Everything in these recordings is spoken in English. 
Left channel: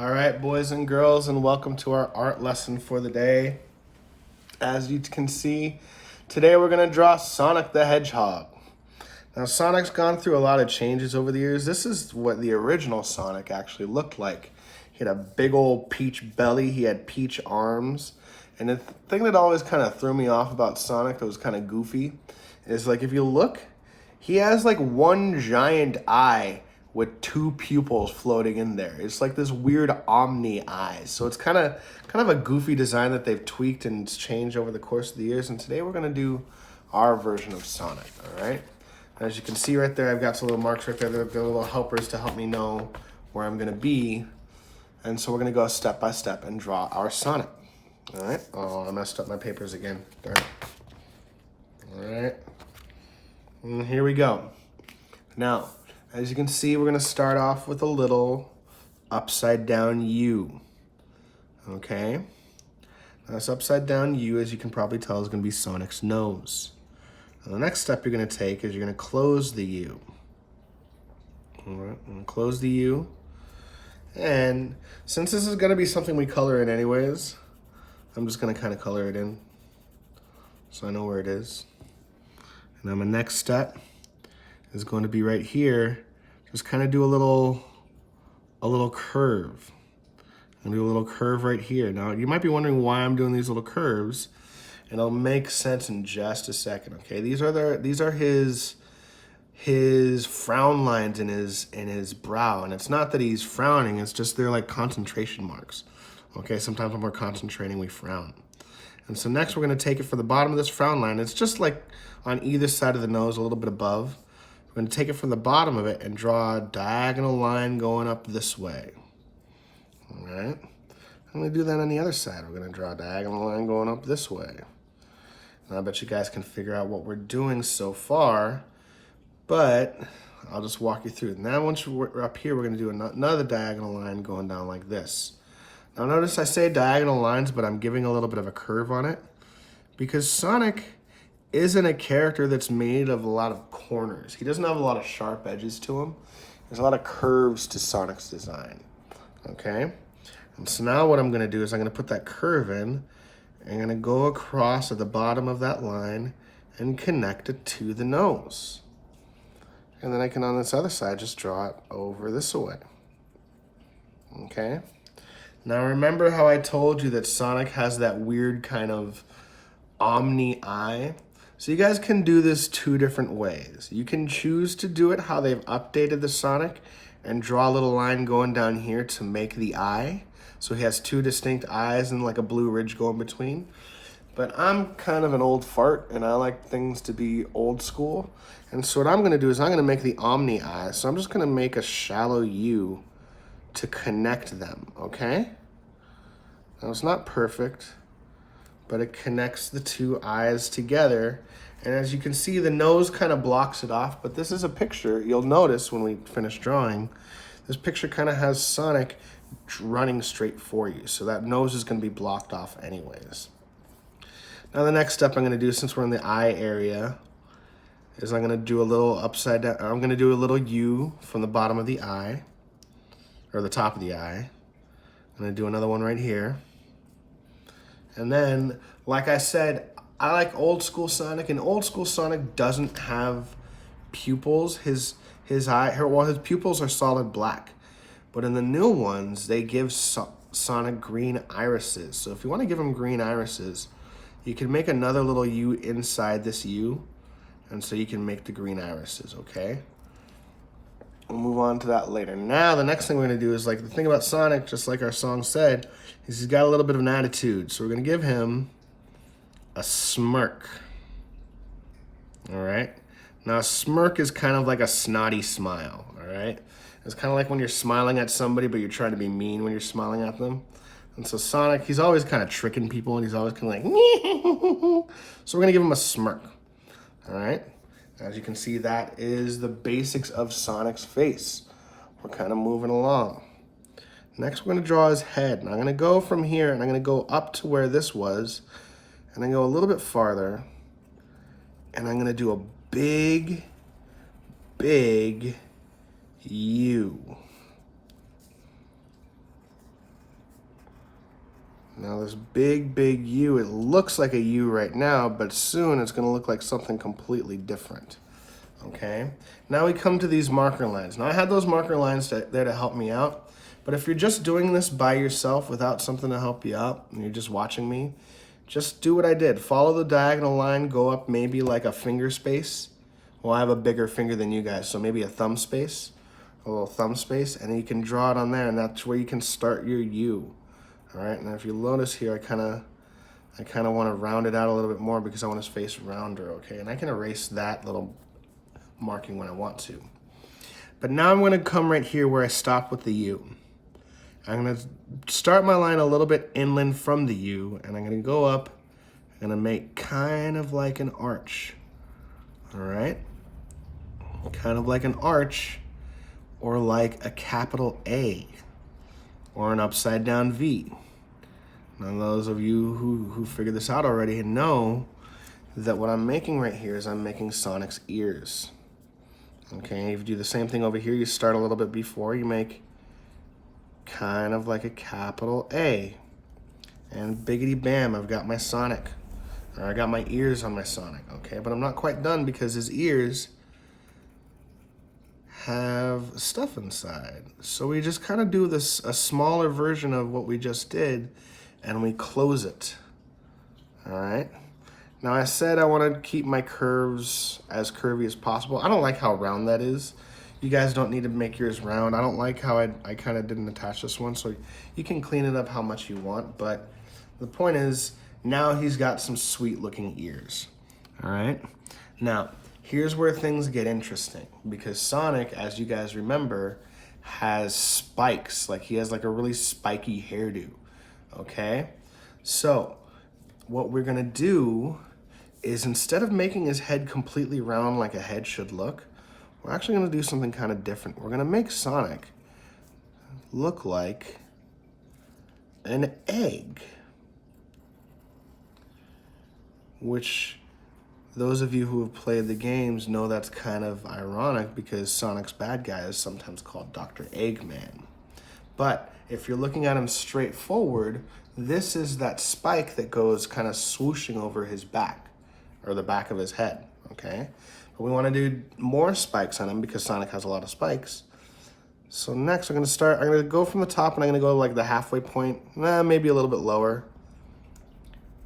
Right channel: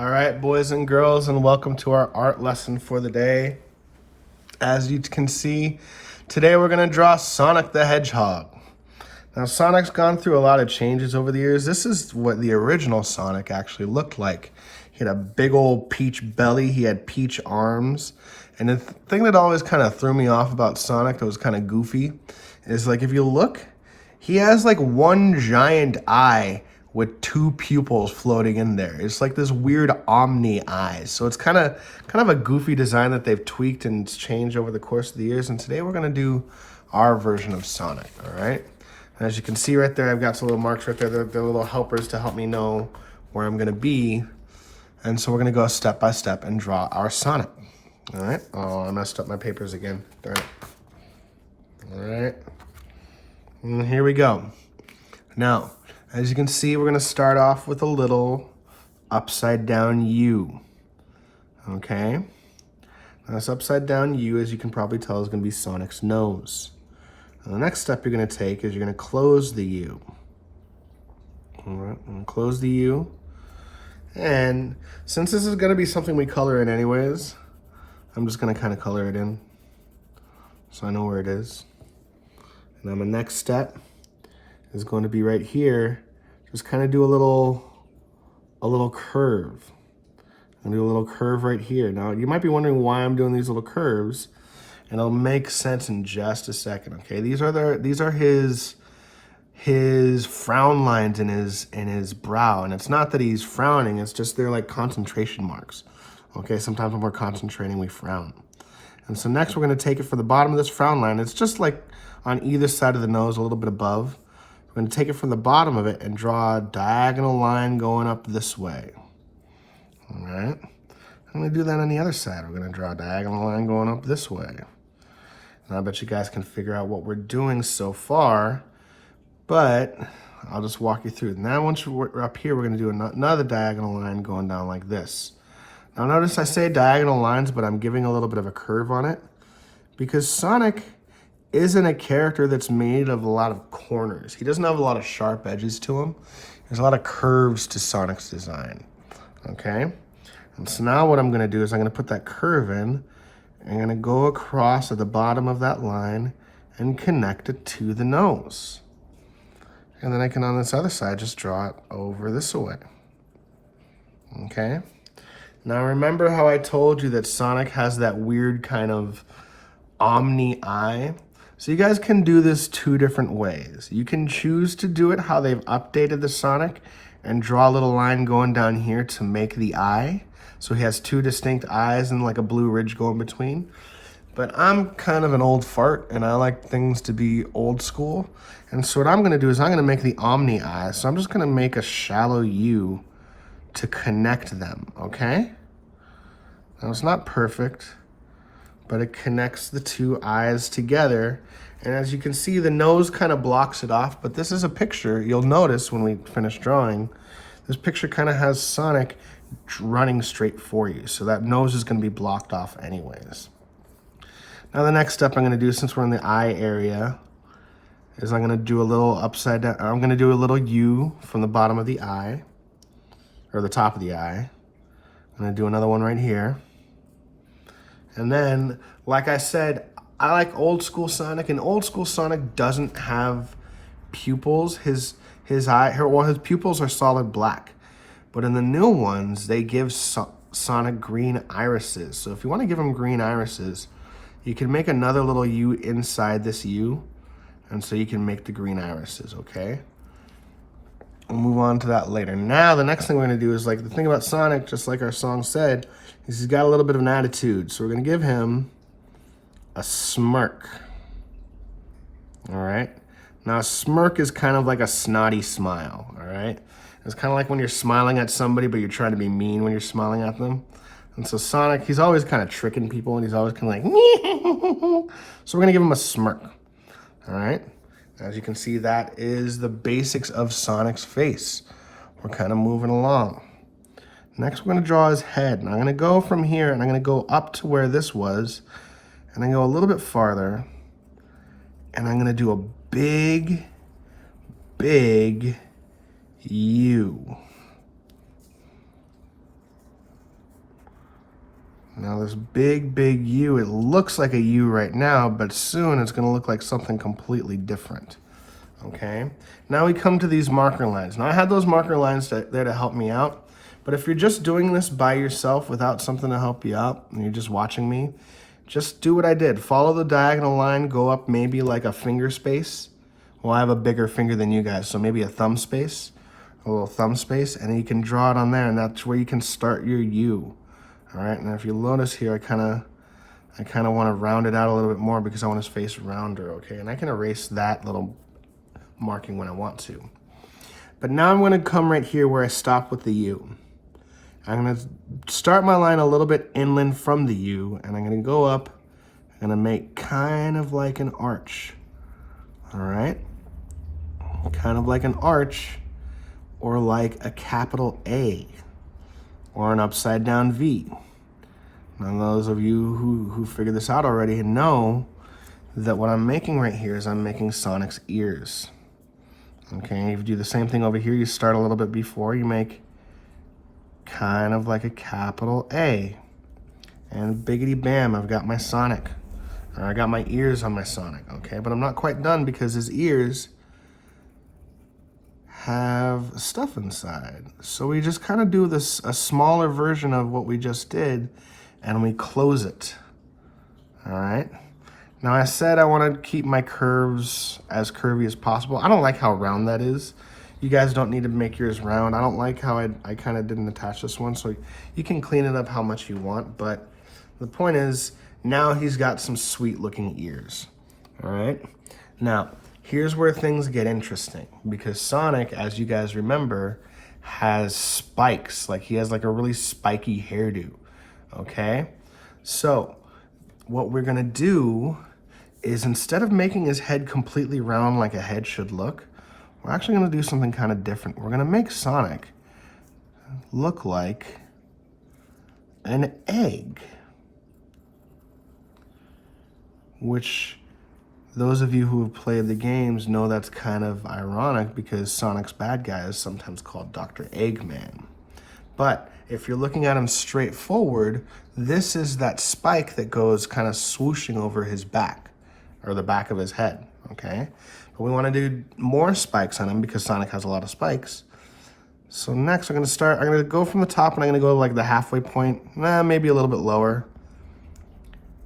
All right, boys and girls, and welcome to our art lesson for the day. As you can see, today we're going to draw Sonic the Hedgehog. Now, Sonic's gone through a lot of changes over the years. This is what the original Sonic actually looked like. He had a big old peach belly, he had peach arms, and the thing that always kind of threw me off about Sonic that was kind of goofy is, like, if you look, he has like one giant eye with two pupils floating in there. It's like this weird omni eyes. So it's kind of a goofy design that they've tweaked and it's changed over the course of the years. And today we're gonna do our version of Sonic, all right? And as you can see right there, I've got some little marks right there. They're little helpers to help me know where I'm gonna be. And so we're gonna go step by step and draw our Sonic, all right? Oh, I messed up my papers again, all right. And here we go. Now, as you can see, we're gonna start off with a little upside down U, okay? Now this upside down U, as you can probably tell, is gonna be Sonic's nose. And the next step you're gonna take is you're gonna close the U. All right, and close the U. And since this is gonna be something we color in anyways, I'm just gonna kind of color it in so I know where it is. And then my next step is going to be right here. Just kind of do a little curve. And do a little curve right here. Now, you might be wondering why I'm doing these little curves, and it'll make sense in just a second, okay? These are his frown lines in his brow, and it's not that he's frowning, it's just they're like concentration marks. Okay, sometimes when we're concentrating, we frown. And so next we're gonna take it for the bottom of this frown line. It's just like on either side of the nose, a little bit above. We're gonna take it from the bottom of it and draw a diagonal line going up this way. All right, I'm gonna do that on the other side. We're gonna draw a diagonal line going up this way. Now I bet you guys can figure out what we're doing so far, but I'll just walk you through. Now once we're up here, we're gonna do another diagonal line going down like this. Now notice I say diagonal lines, but I'm giving a little bit of a curve on it because Sonic isn't a character that's made of a lot of corners. He doesn't have a lot of sharp edges to him. There's a lot of curves to Sonic's design, okay? And so now what I'm gonna do is I'm gonna put that curve in, and I'm gonna go across at the bottom of that line and connect it to the nose. And then I can, on this other side, just draw it over this way, okay? Now remember how I told you that Sonic has that weird kind of omni eye? So you guys can do this two different ways. You can choose to do it how they've updated the Sonic and draw a little line going down here to make the eye. So he has two distinct eyes and like a blue ridge going between. But I'm kind of an old fart and I like things to be old school. And so what I'm gonna do is I'm gonna make the omni eye. So I'm just gonna make a shallow U to connect them, okay? Now it's not perfect, but it connects the two eyes together. And as you can see, the nose kind of blocks it off, but this is a picture. You'll notice when we finish drawing, this picture kind of has Sonic running straight for you. So that nose is gonna be blocked off anyways. Now the next step I'm gonna do, since we're in the eye area, is I'm gonna do a little upside down, I'm gonna do a little U from the bottom of the eye, or the top of the eye. I'm gonna do another one right here. And then, like I said, I like old school Sonic, and old school Sonic doesn't have pupils. His pupils are solid black. But in the new ones, they give Sonic green irises. So if you want to give him green irises, you can make another little U inside this U, and so you can make the green irises, okay? We'll move on to that later. Now, the next thing we're gonna do is, like, the thing about Sonic, just like our song said, is he's got a little bit of an attitude. So we're gonna give him a smirk, all right? Now, a smirk is kind of like a snotty smile, all right? It's kind of like when you're smiling at somebody, but you're trying to be mean when you're smiling at them. And so Sonic, he's always kind of tricking people, and he's always kind of like, so we're gonna give him a smirk, all right? As you can see, that is the basics of Sonic's face. We're kind of moving along. Next, we're gonna draw his head. And I'm gonna go from here, and I'm gonna go up to where this was, and then go a little bit farther, and I'm gonna do a big, big U. this big, big U, it looks like a U right now, but soon it's gonna look like something completely different, okay? Now we come to these marker lines. Now I had those marker lines there to help me out, but if you're just doing this by yourself without something to help you out, and you're just watching me, just do what I did. Follow the diagonal line, go up maybe like a finger space. Well, I have a bigger finger than you guys, so maybe a thumb space, a little thumb space, and you can draw it on there, and that's where you can start your U. All right, and if you notice here, I kind of want to round it out a little bit more because I want his face rounder, okay? And I can erase that little marking when I want to. But now I'm going to come right here where I stopped with the U. I'm going to start my line a little bit inland from the U, and I'm going to go up and make kind of like an arch, all right? Kind of like an arch, or like a capital A, or an upside down V. Now those of you who figured this out already know that what I'm making right here is I'm making Sonic's ears. Okay, if you do the same thing over here, you start a little bit before, you make kind of like a capital A. And biggity bam, I've got my Sonic. I got my ears on my Sonic, okay? But I'm not quite done because his ears have stuff inside. So we just kind of do this, a smaller version of what we just did, and we close it, all right? Now I said I want to keep my curves as curvy as possible. I don't like how round that is. You guys don't need to make yours round. I don't like how I kind of didn't attach this one, so you can clean it up how much you want, but the point is, now he's got some sweet looking ears, all right? Now, here's where things get interesting, because Sonic, as you guys remember, has spikes. Like he has like a really spiky hairdo, okay? So what we're gonna do is, instead of making his head completely round like a head should look, we're actually gonna do something kind of different. We're gonna make Sonic look like an egg, which those of you who have played the games know that's kind of ironic because Sonic's bad guy is sometimes called Dr. Eggman. But if you're looking at him straight forward, this is that spike that goes kind of swooshing over his back, or the back of his head, okay? But we want to do more spikes on him because Sonic has a lot of spikes. So next I'm going to go from the top, and I'm going to go like the halfway point, maybe a little bit lower.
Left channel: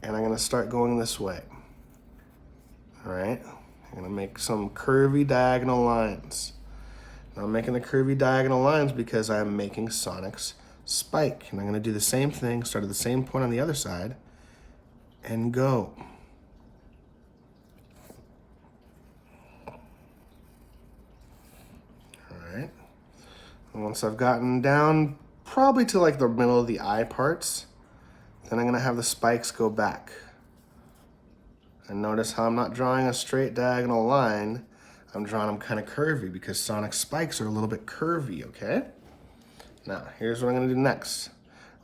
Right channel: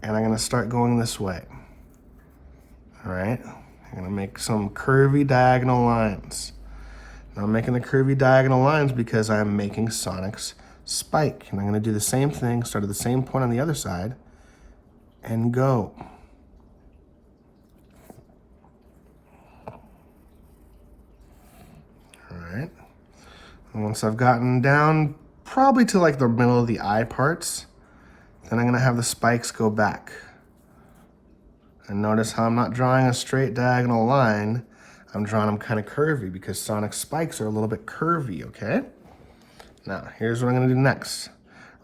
And I'm going to start going this way. All right, I'm gonna make some curvy diagonal lines. Now I'm making the curvy diagonal lines because I'm making Sonic's spike. And I'm gonna do the same thing, start at the same point on the other side, and go. All right, and once I've gotten down probably to like the middle of the eye parts, then I'm gonna have the spikes go back. And notice how I'm not drawing a straight diagonal line. I'm drawing them kind of curvy because Sonic's spikes are a little bit curvy, okay? Now, here's what I'm gonna do next.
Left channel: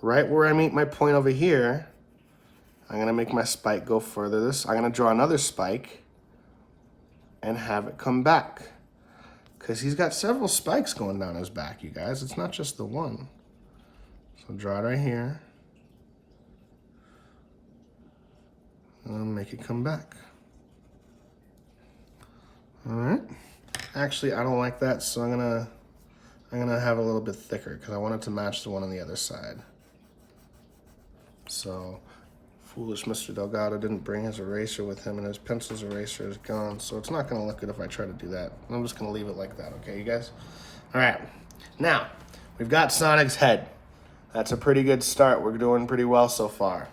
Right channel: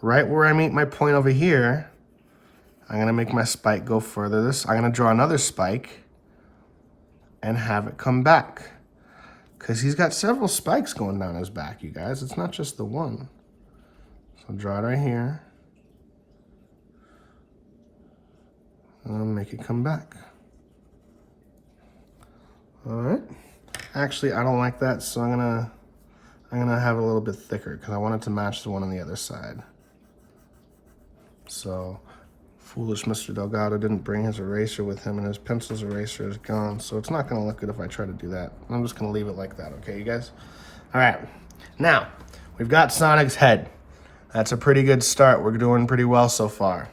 Right where I meet my point over here, I'm gonna make my spike go further. I'm gonna draw another spike and have it come back. Because he's got several spikes going down his back, you guys. It's not just the one. So draw it right here. And I'll make it come back. All right. Actually, I don't like that, so I'm gonna have it a little bit thicker because I want it to match the one on the other side. So, foolish Mr. Delgado didn't bring his eraser with him, and his pencil's eraser is gone. So it's not gonna look good if I try to do that. I'm just gonna leave it like that, okay, you guys? All right. Now, we've got Sonic's head. That's a pretty good start. We're doing pretty well so far.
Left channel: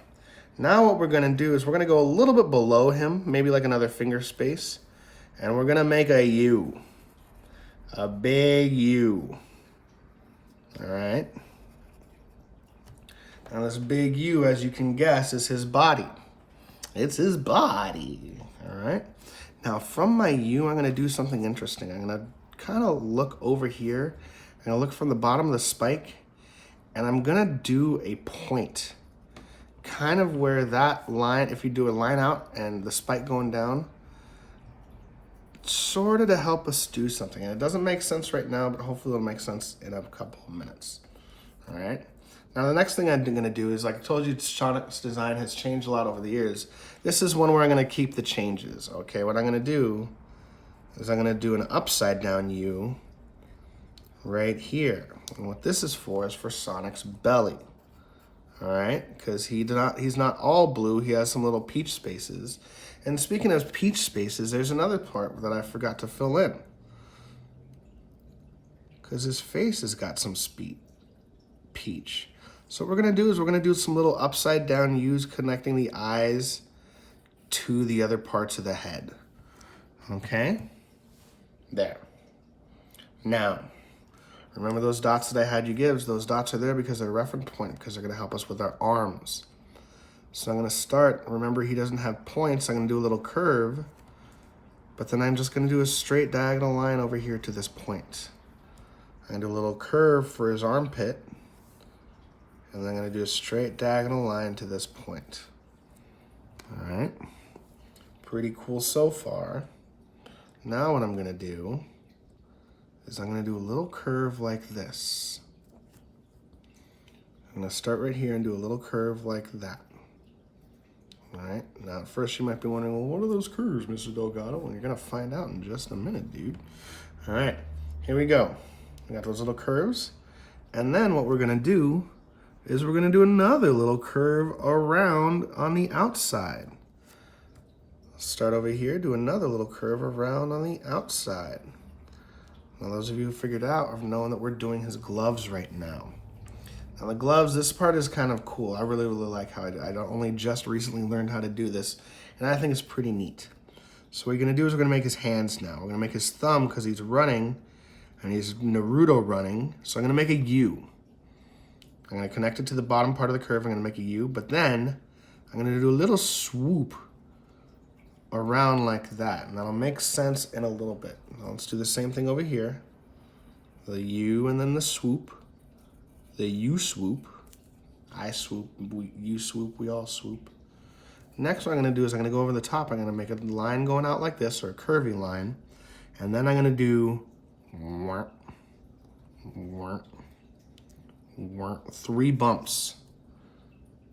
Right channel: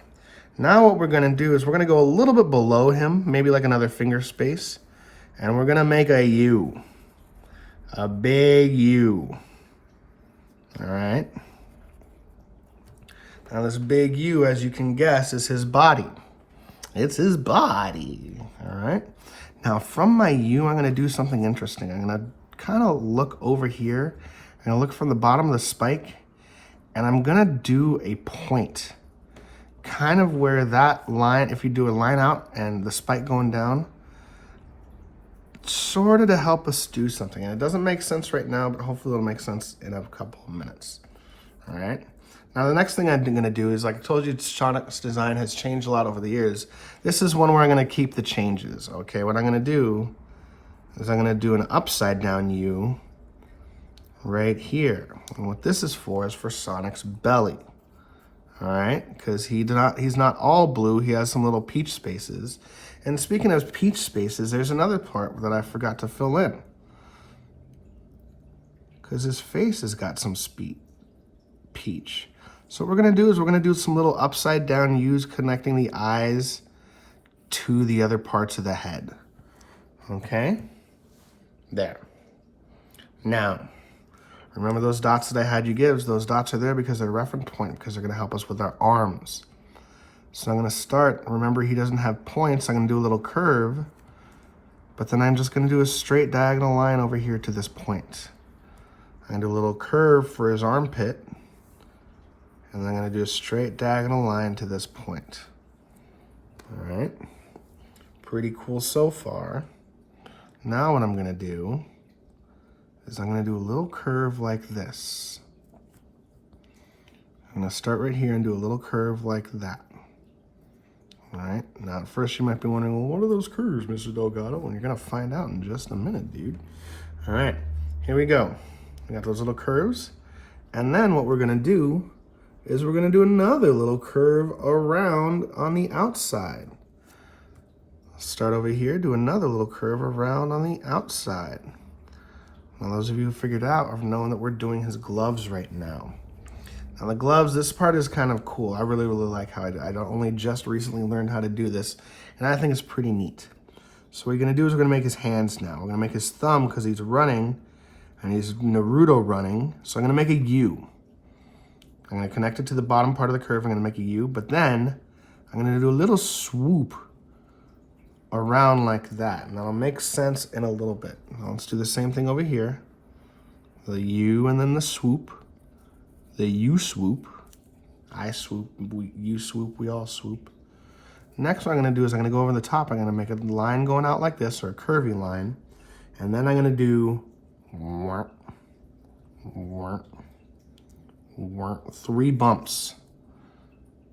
Now what we're gonna do is we're gonna go a little bit below him, maybe like another finger space, and we're gonna make a U, a big U, all right? Now this big U, as you can guess, is his body. It's his body, all right? Now from my U, I'm gonna do something interesting. I'm gonna kind of look over here. I'm gonna look from the bottom of the spike, and I'm gonna do a point. Kind of where that line, if you do a line out and the spike going down, sort of to help us do something. And it doesn't make sense right now, but hopefully it'll make sense in a couple of minutes. All right. Now the next thing I'm gonna do is, like I told you, Sonic's design has changed a lot over the years. This is one where I'm gonna keep the changes, okay? What I'm gonna do is I'm gonna do an upside down U right here. And what this is for Sonic's belly. All right, because he's not all blue, he has some little peach spaces. And speaking of peach spaces, there's another part that I forgot to fill in. Because his face has got some peach. So what we're gonna do is we're gonna do some little upside down U's connecting the eyes to the other parts of the head. Okay? There. Now, remember those dots that I had you give? Those dots are there because they're reference point, because they're gonna help us with our arms. So I'm gonna start, remember he doesn't have points, I'm gonna do a little curve, but then I'm just gonna do a straight diagonal line over here to this point. I'm gonna do a little curve for his armpit, and then I'm gonna do a straight diagonal line to this point. All right, pretty cool so far. Now what I'm gonna do is I'm gonna do a little curve like this. I'm gonna start right here and do a little curve like that. All right, now at first you might be wondering, well, what are those curves, Mr. Delgado? Well, you're gonna find out in just a minute, dude. All right, here we go. We got those little curves. And then what we're gonna do is we're gonna do another little curve around on the outside. Start over here, do another little curve around on the outside. Now those of you who figured out have known that we're doing his gloves right now. Now the gloves, this part is kind of cool. I really like how I only just recently learned how to do this, and I think it's pretty neat. So what we're gonna do is we're gonna make his hands now. We're gonna make his thumb, because he's running, and he's Naruto running, so I'm gonna make a U. I'm gonna connect it to the bottom part of the curve, I'm gonna make a U, but then I'm gonna do a little swoop around like that, and that'll make sense in a little bit. Now let's do the same thing over here. The U and then the swoop. The U swoop. I swoop, you swoop, we all swoop. Next what I'm gonna do is I'm gonna go over the top, I'm gonna make a line going out like this, or a curvy line, and then I'm gonna do 3 bumps.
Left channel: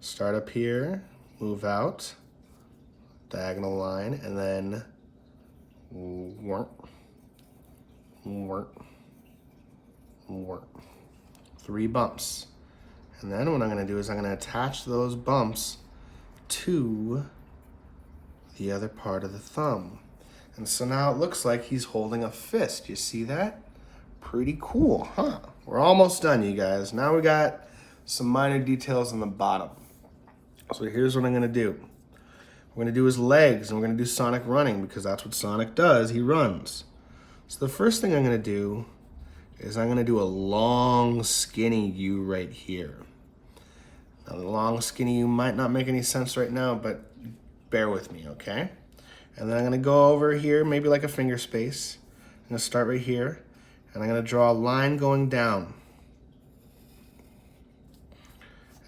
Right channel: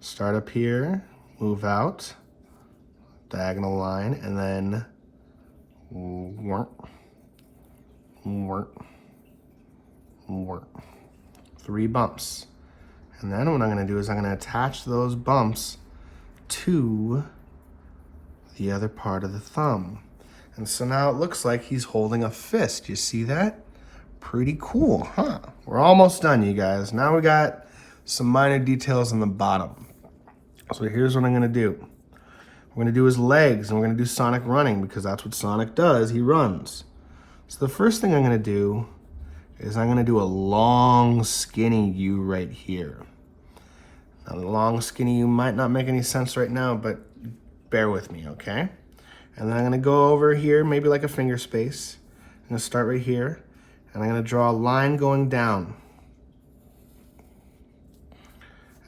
Start up here, move out, diagonal line, and then 3 bumps. And then what I'm gonna do is I'm gonna attach those bumps to the other part of the thumb. And so now it looks like he's holding a fist. You see that? Pretty cool, huh? We're almost done, you guys. Now we got some minor details on the bottom. So here's what I'm gonna do. We're gonna do his legs, and we're gonna do Sonic running, because that's what Sonic does, he runs. So the first thing I'm gonna do is I'm gonna do a long, skinny U right here. Now the long, skinny U might not make any sense right now, but bear with me, okay? And then I'm gonna go over here, maybe like a finger space. I'm gonna start right here, and I'm gonna draw a line going down.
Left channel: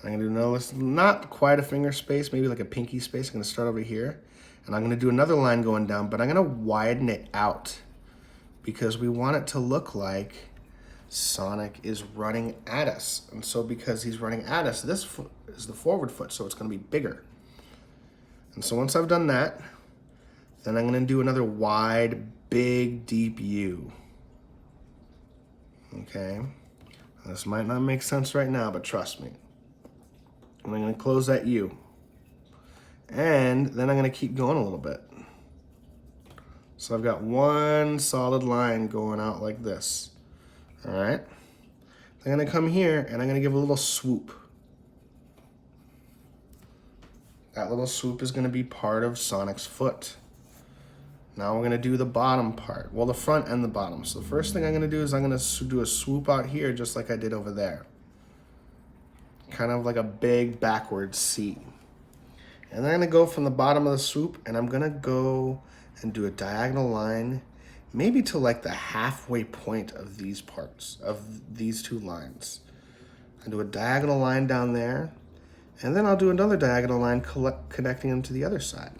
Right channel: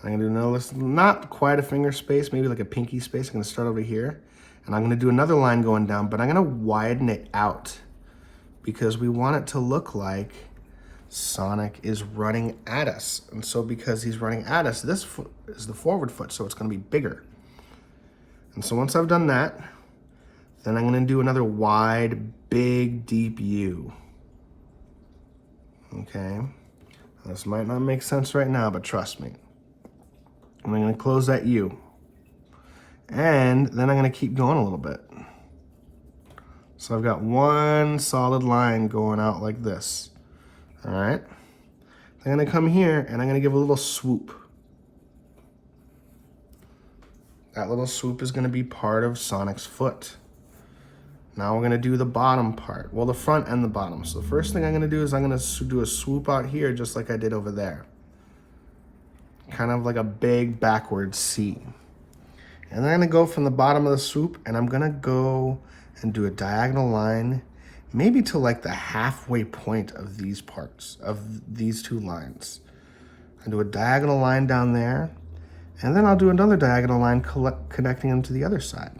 I'm gonna do another, not quite a finger space, maybe like a pinky space. I'm gonna start over here, and I'm gonna do another line going down, but I'm gonna widen it out because we want it to look like Sonic is running at us. And so because he's running at us, this foot is the forward foot, so it's gonna be bigger. And so once I've done that, then I'm gonna do another wide, big, deep U. Okay, this might not make sense right now, but trust me. I'm gonna close that U. And then I'm gonna keep going a little bit. So I've got one solid line going out like this. All right, I'm gonna come here and I'm gonna give a little swoop. That little swoop is gonna be part of Sonic's foot. Now we're gonna do the bottom part. Well, the front and the bottom. So the first thing I'm gonna do is I'm gonna do a swoop out here just like I did over there. Kind of like a big backward C. And then I'm gonna go from the bottom of the swoop and I'm gonna go and do a diagonal line, maybe to like the halfway point of these parts, of these 2 lines. I'll do a diagonal line down there, and then I'll do another diagonal line connecting them to the other side.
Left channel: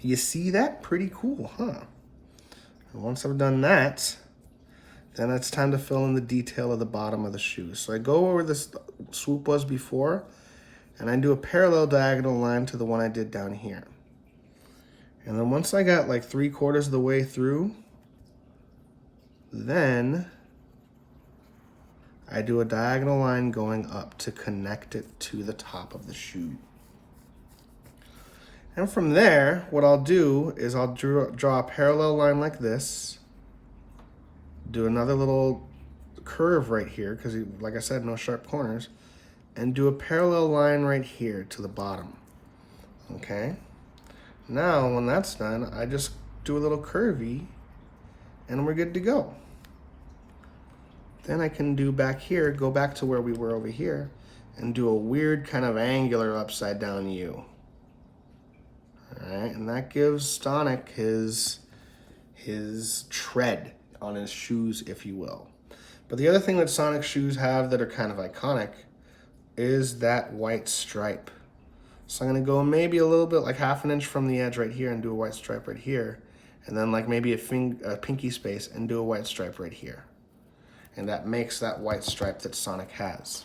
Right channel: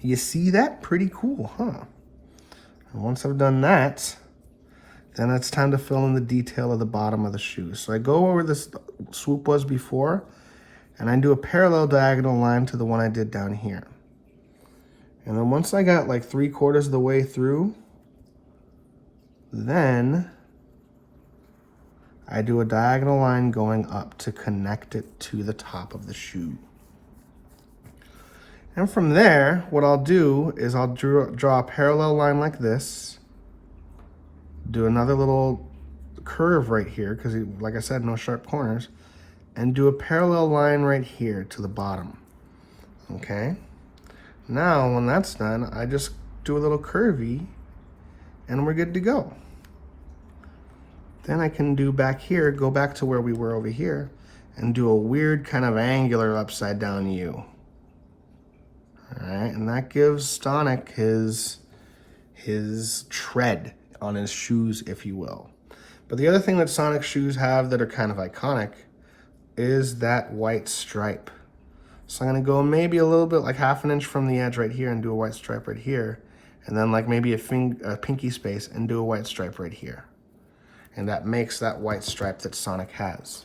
You see that? Pretty cool, huh? And once I've done that, Then it's time to fill in the detail of the bottom of the shoe. So I go where this swoop was before, and I do a parallel diagonal line to the one I did down here. And then once I got like 3/4 of the way through, then I do a diagonal line going up to connect it to the top of the shoe. And from there, what I'll do is I'll draw a parallel line like this, do another little curve right here, because like I said, no sharp corners, and do a parallel line right here to the bottom. Okay? Now, when that's done, I just do a little curvy, and we're good to go. Then I can do back here, go back to where we were over here, and do a weird kind of angular upside down U. All right, and that gives Sonic his tread on his shoes, if you will. But the other thing that Sonic shoes have that are kind of iconic is that white stripe. So I'm gonna go maybe a little bit, like 1/2 inch from the edge right here, and do a white stripe right here, and then like maybe a pinky space and do a white stripe right here. And that makes that white stripe that Sonic has.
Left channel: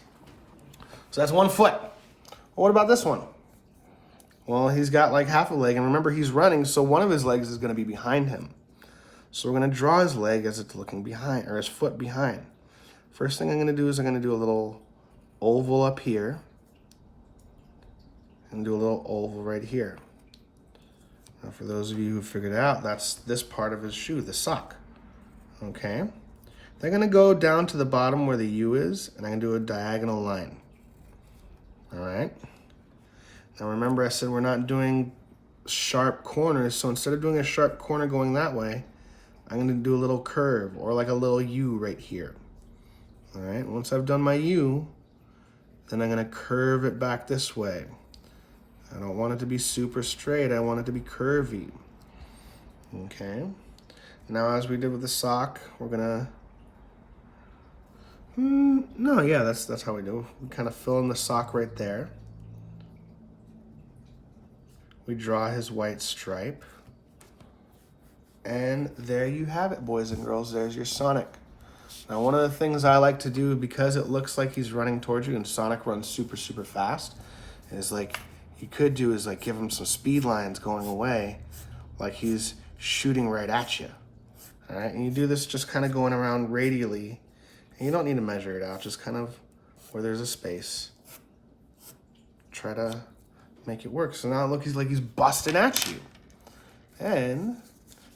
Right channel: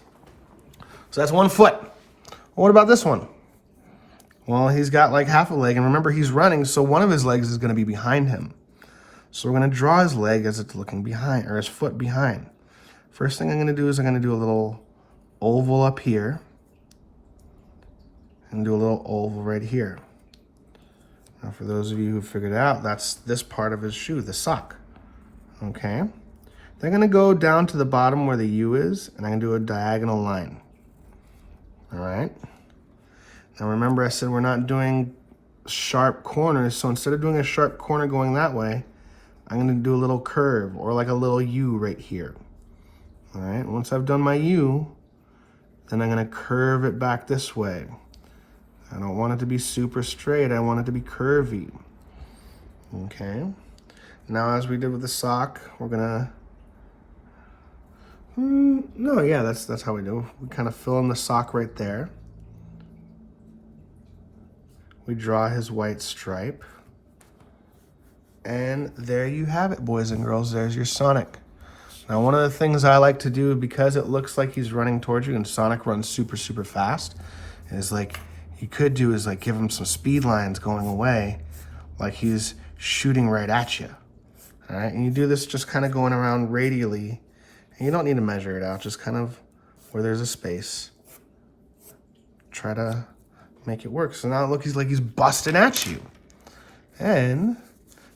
So that's one foot. What about this one? Well, he's got like half a leg, and remember he's running, so one of his legs is gonna be behind him. So we're gonna draw his leg as it's looking behind, or his foot behind. First thing I'm gonna do is I'm gonna do a little oval up here, and do a little oval right here. Now for those of you who figured it out, that's this part of his shoe, the sock. Okay? Then I'm gonna go down to the bottom where the U is, and I'm gonna do a diagonal line. All right? Now remember I said we're not doing sharp corners, so instead of doing a sharp corner going that way, I'm gonna do a little curve, or like a little U right here. All right, once I've done my U, then I'm gonna curve it back this way. I don't want it to be super straight, I want it to be curvy. Okay, now as we did with the sock, we're gonna, that's how we do. We kind of fill in the sock right there. We draw his white stripe. And there you have it, boys and girls. There's your Sonic. Now, one of the things I like to do, because it looks like he's running towards you and Sonic runs super, super fast, is like, you could do is like give him some speed lines going away, like he's shooting right at you. All right, and you do this just kind of going around radially. And you don't need to measure it out, just kind of where there's a space. Try to make it work. So now it looks like he's busting at you. And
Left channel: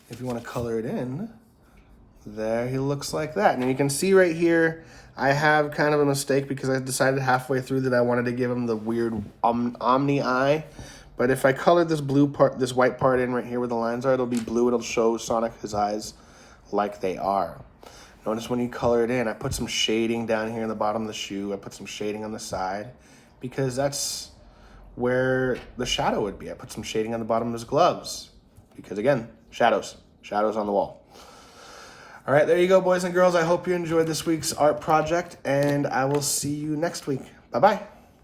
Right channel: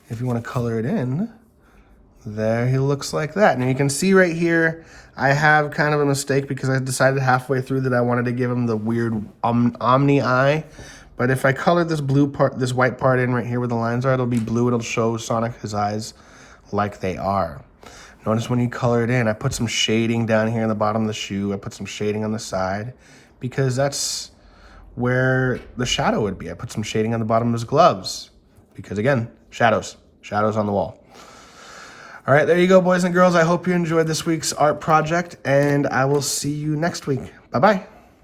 if you want to color it in, there he looks like that. Now you can see right here, I have kind of a mistake because I decided halfway through that I wanted to give him the weird omni eye. But if I color this blue part, this white part in right here where the lines are, it'll be blue. It'll show Sonic his eyes like they are. Notice when you color it in, I put some shading down here in the bottom of the shoe. I put some shading on the side because that's where the shadow would be. I put some shading on the bottom of his gloves because again, shadows on the wall. All right, there you go, boys and girls. I hope you enjoyed this week's art project, and I will see you next week. Bye-bye.